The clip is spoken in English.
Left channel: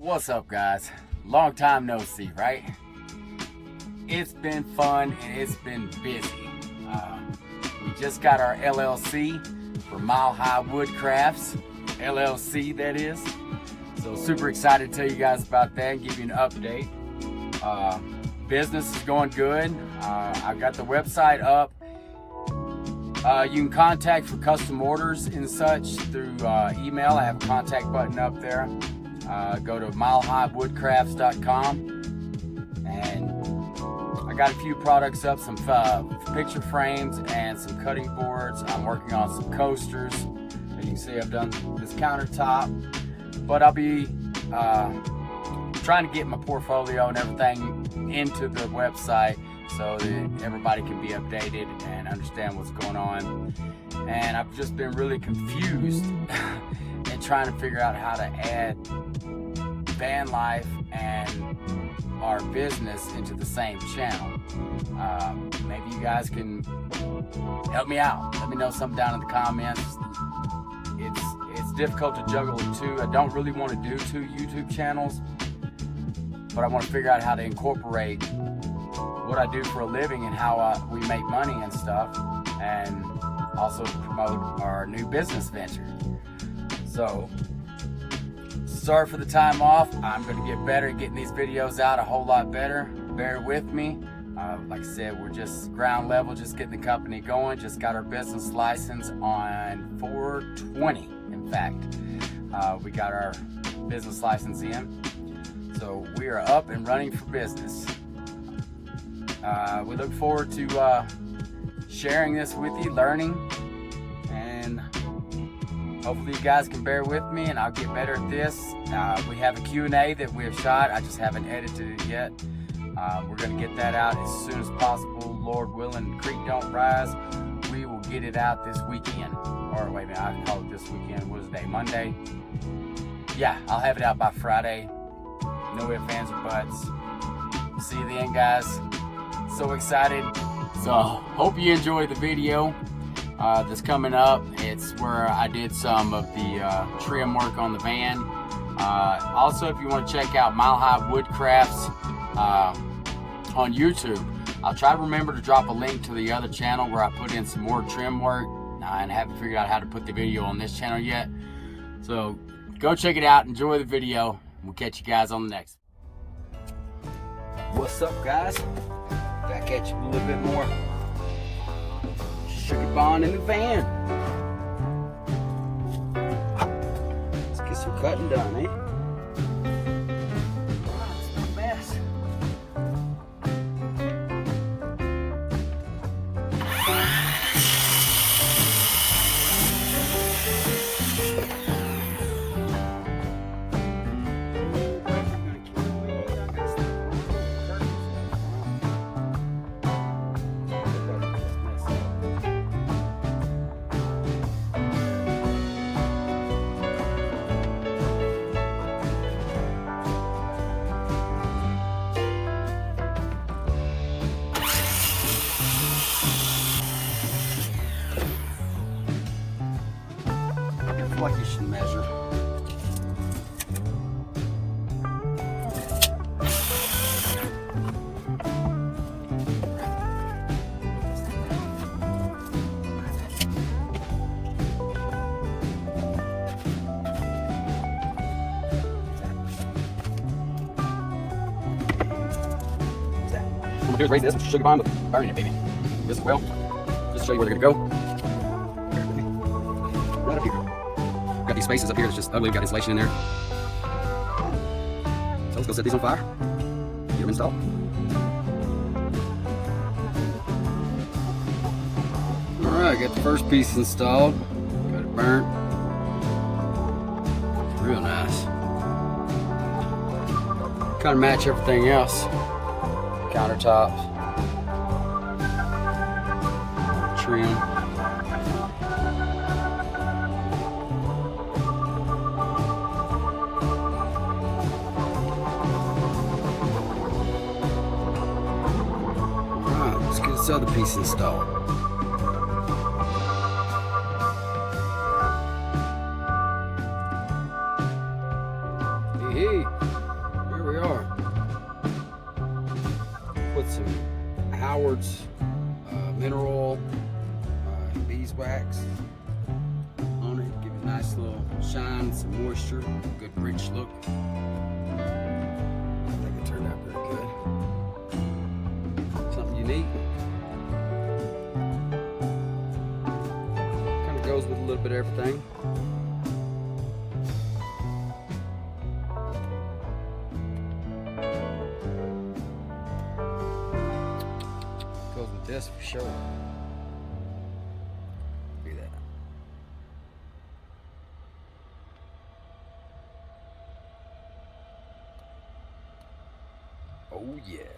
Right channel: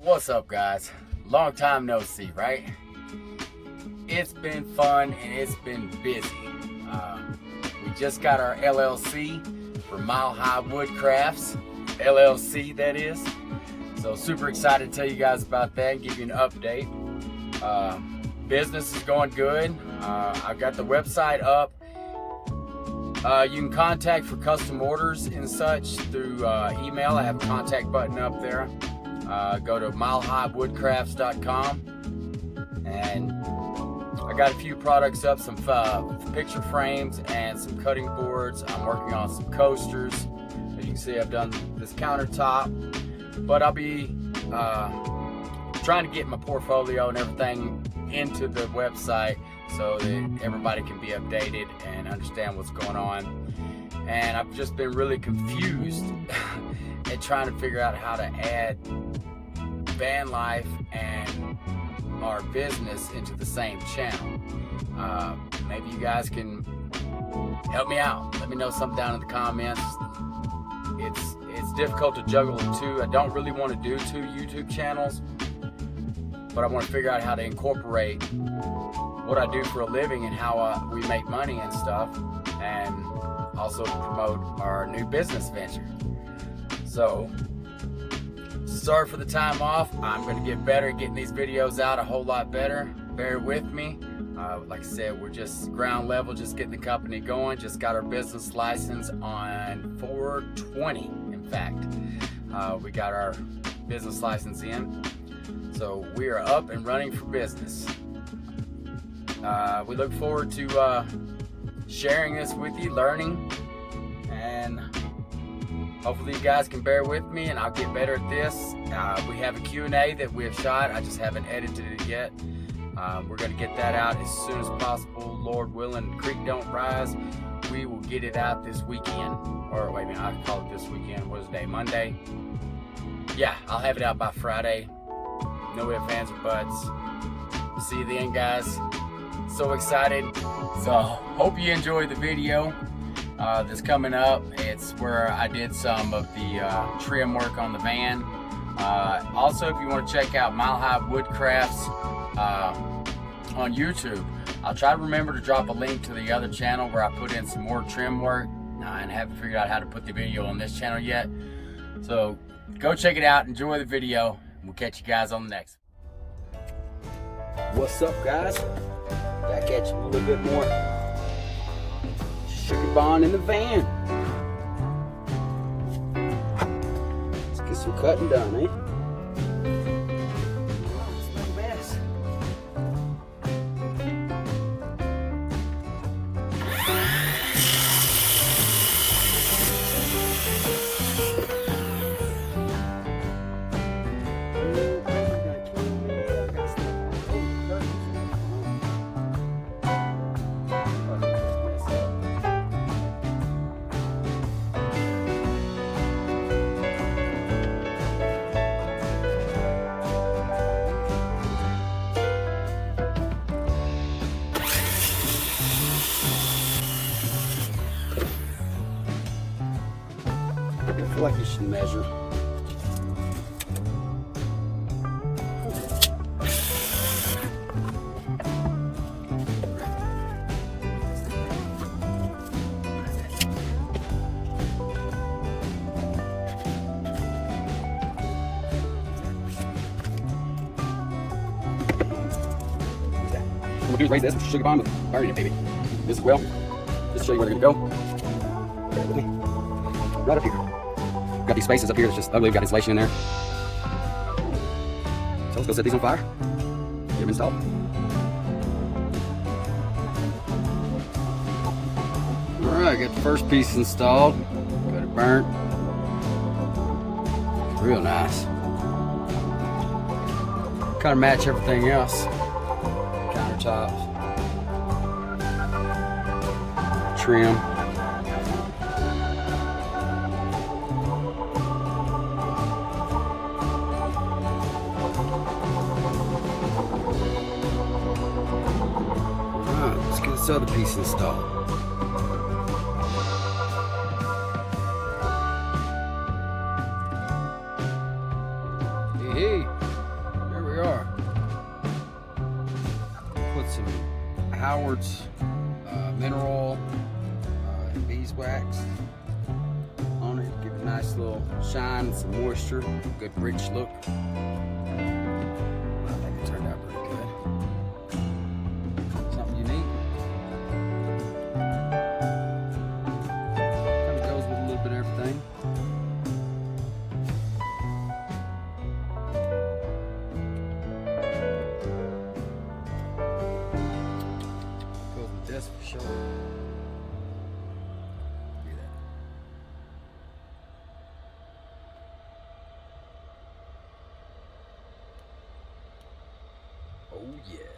What's up, guys? Long time no see, right? It's been fun and it's been busy. We just got our LLC for Milehigh Woodcrafts, LLC that is. So super excited to tell you guys about that and give you an update. Business is going good. I've got the website up. You can contact for custom orders and such through email. I have a contact button up there. Go to milehigh.woodcrafts.com, and I got a few products up, some picture frames and some cutting boards. I'm working on some coasters. As you can see, I've done this countertop, but I'll be trying to get my portfolio and everything into the website so that everybody can be updated and understand what's going on. And I've just been really confused and trying to figure out how to add van life and our business into the same channel. Maybe you guys can help me out. Let me know something down in the comments. It's difficult to juggle the two. I don't really want to do two YouTube channels, but I want to figure out how to incorporate what I do for a living and how we make money and stuff, and also to promote our new business venture. So, sorry for the time off. I'm going to get better at getting these videos out a whole lot better. Bear with me. Like I said, we're just ground level, just getting the company going. Just got our business license on 4/20. In fact, we got our business license in. So we are up and running for business. We look forward to sharing this with you, learning, and hopefully you guys can bear with me and I'll get better at this. We have a Q&A that we have shot. I just haven't edited it yet. We're going to get that out as soon as possible. Lord willing, the creek don't rise. We will get it out this weekend. Or wait a minute, I call it this weekend. What is the day? Monday? Yeah, I'll have it out by Friday. No ifs, ands, or buts. See you then, guys. So excited. So hope you enjoy the video that's coming up. It's where I did some of the trim work on the van. Also, if you want to check out Milehigh Woodcrafts on YouTube, I'll try to remember to drop a link to the other channel where I put in some more trim work, and haven't figured out how to put the video on this channel yet. So go check it out, enjoy the video, and we'll catch you guys on the next. What's up, guys? Back at you a little bit more sugar bond in the van. Let's get some cutting done, eh? I feel like you should measure. What I'm gonna do is raise this sugar bond with burning it, baby. This well, just show you where they're gonna go. Right up here. Got these spaces up here, it's just ugly, got insulation in there. So let's go set these on fire. Get them installed. Alright, got the first piece installed. Got it burnt. Real nice. Kind of match everything else. Countertop. Trim. Let's get this other piece installed. Hey, put some Howard's mineral and beeswax on it. Give it a nice little shine, some moisture, good rich look. I think it turned out pretty good. Something unique. Kind of goes with a little bit of everything. Goes with this for sure. Do that. Oh yeah.